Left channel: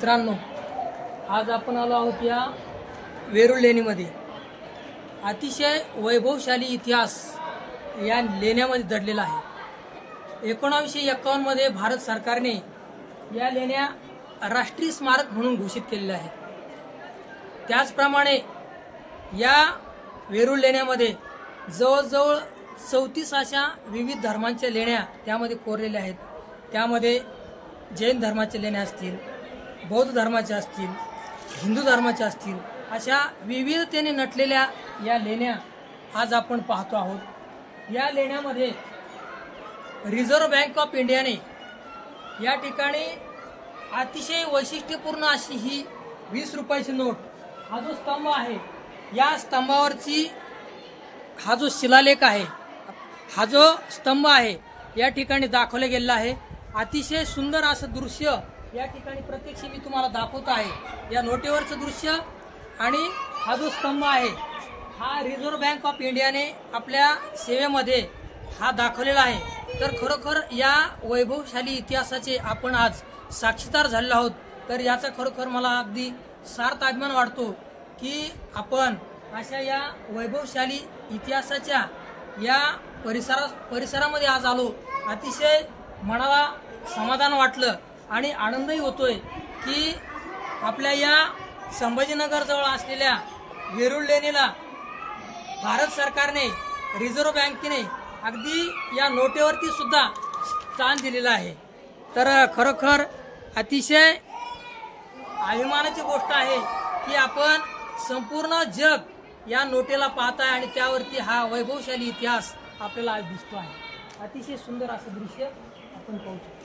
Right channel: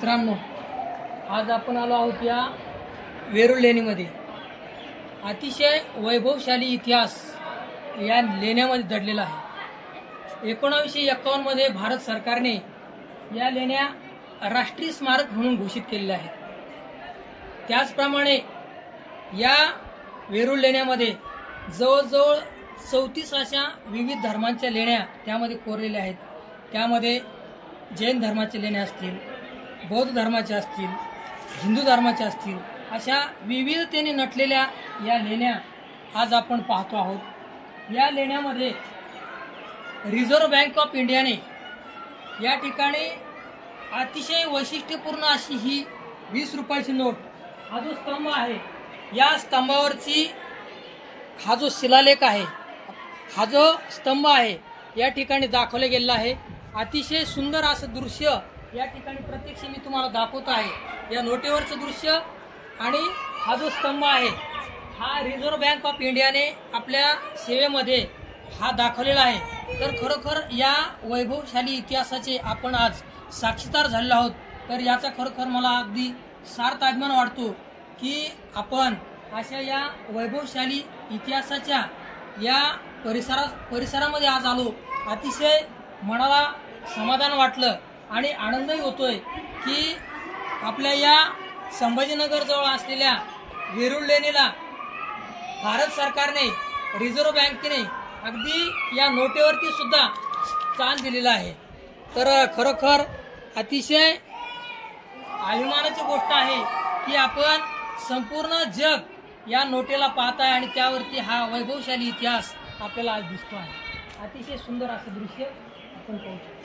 मित्रांनो, आज आपण आलो आहोत या वेरूळ लेणीमध्ये। अतिशय वैभवशाली इतिहास या लेण्यामध्ये दडलेला आहे। 1951 मध्ये भारत सरकारने या लेण्या राष्ट्रीय स्मारक म्हणून घोषित केलेल्या आहेत। त्याचप्रमाणे या वेरूळ लेण्यामध्ये जवळजवळ 34 अशा विविध धर्मांच्या लेण्या त्यामध्ये कोरलेल्या आहेत। त्यामध्ये जैन धर्माच्या लेण्या असतील, बौद्ध धर्माच्या असतील, हिंदू धर्माच्या असतील, अशा विविधतेने नटलेल्या या लेण्या आज आपण पाहतो आहोत। या लेण्यामध्ये रिझर्व्ह बँक ऑफ इंडियाने या ठिकाणी अतिशय वैशिष्ट्यपूर्ण अशी ही 20 रुपयाची नोट, हा जो स्तंभ आहे, या स्तंभावरची हा जो शिलालेख आहे, हा जो स्तंभ आहे, या ठिकाणी दाखवले गेलेला आहे। अतिशय सुंदर असं दृश्य या ठिकाणी प्रत्यक्ष मी तुम्हाला दाखवत आहे। या नोटेवरचं दृश्य आणि हा जो स्तंभ आहे, हा रिझर्व्ह बँक ऑफ इंडियाने आपल्या सेवेमध्ये हा दाखवलेला आहे। तर खरोखर या वैभवशाली इतिहासाचे आपण आज साक्षीदार झालेलो आहोत। तर याचा खरोखर मला अगदी सार्थ अभिमान वाटतो की आपण अशा या वैभवशाली इतिहासाच्या या परिसरामध्ये आज आलो। अतिशय मनाला समाधान वाटलं आणि आनंदही होतोय की आपल्या या संभाजीनगर जवळ असलेल्या वेरूळ लेणीला भारत सरकारने, रिझर्व्ह बँकेने अगदी या नोटेवरती सुद्धा स्थान दिलेलं आहे। तर खरोखर अतिशय अभिमानाची गोष्ट आहे की आपण संपूर्ण जग या नोटेला पाहत आहे आणि त्यावरती हा वैभवशाली इतिहास आपल्याला आज दिसतो आहे। अतिशय सुंदर असं दृश्य आपण पाहू शकतो।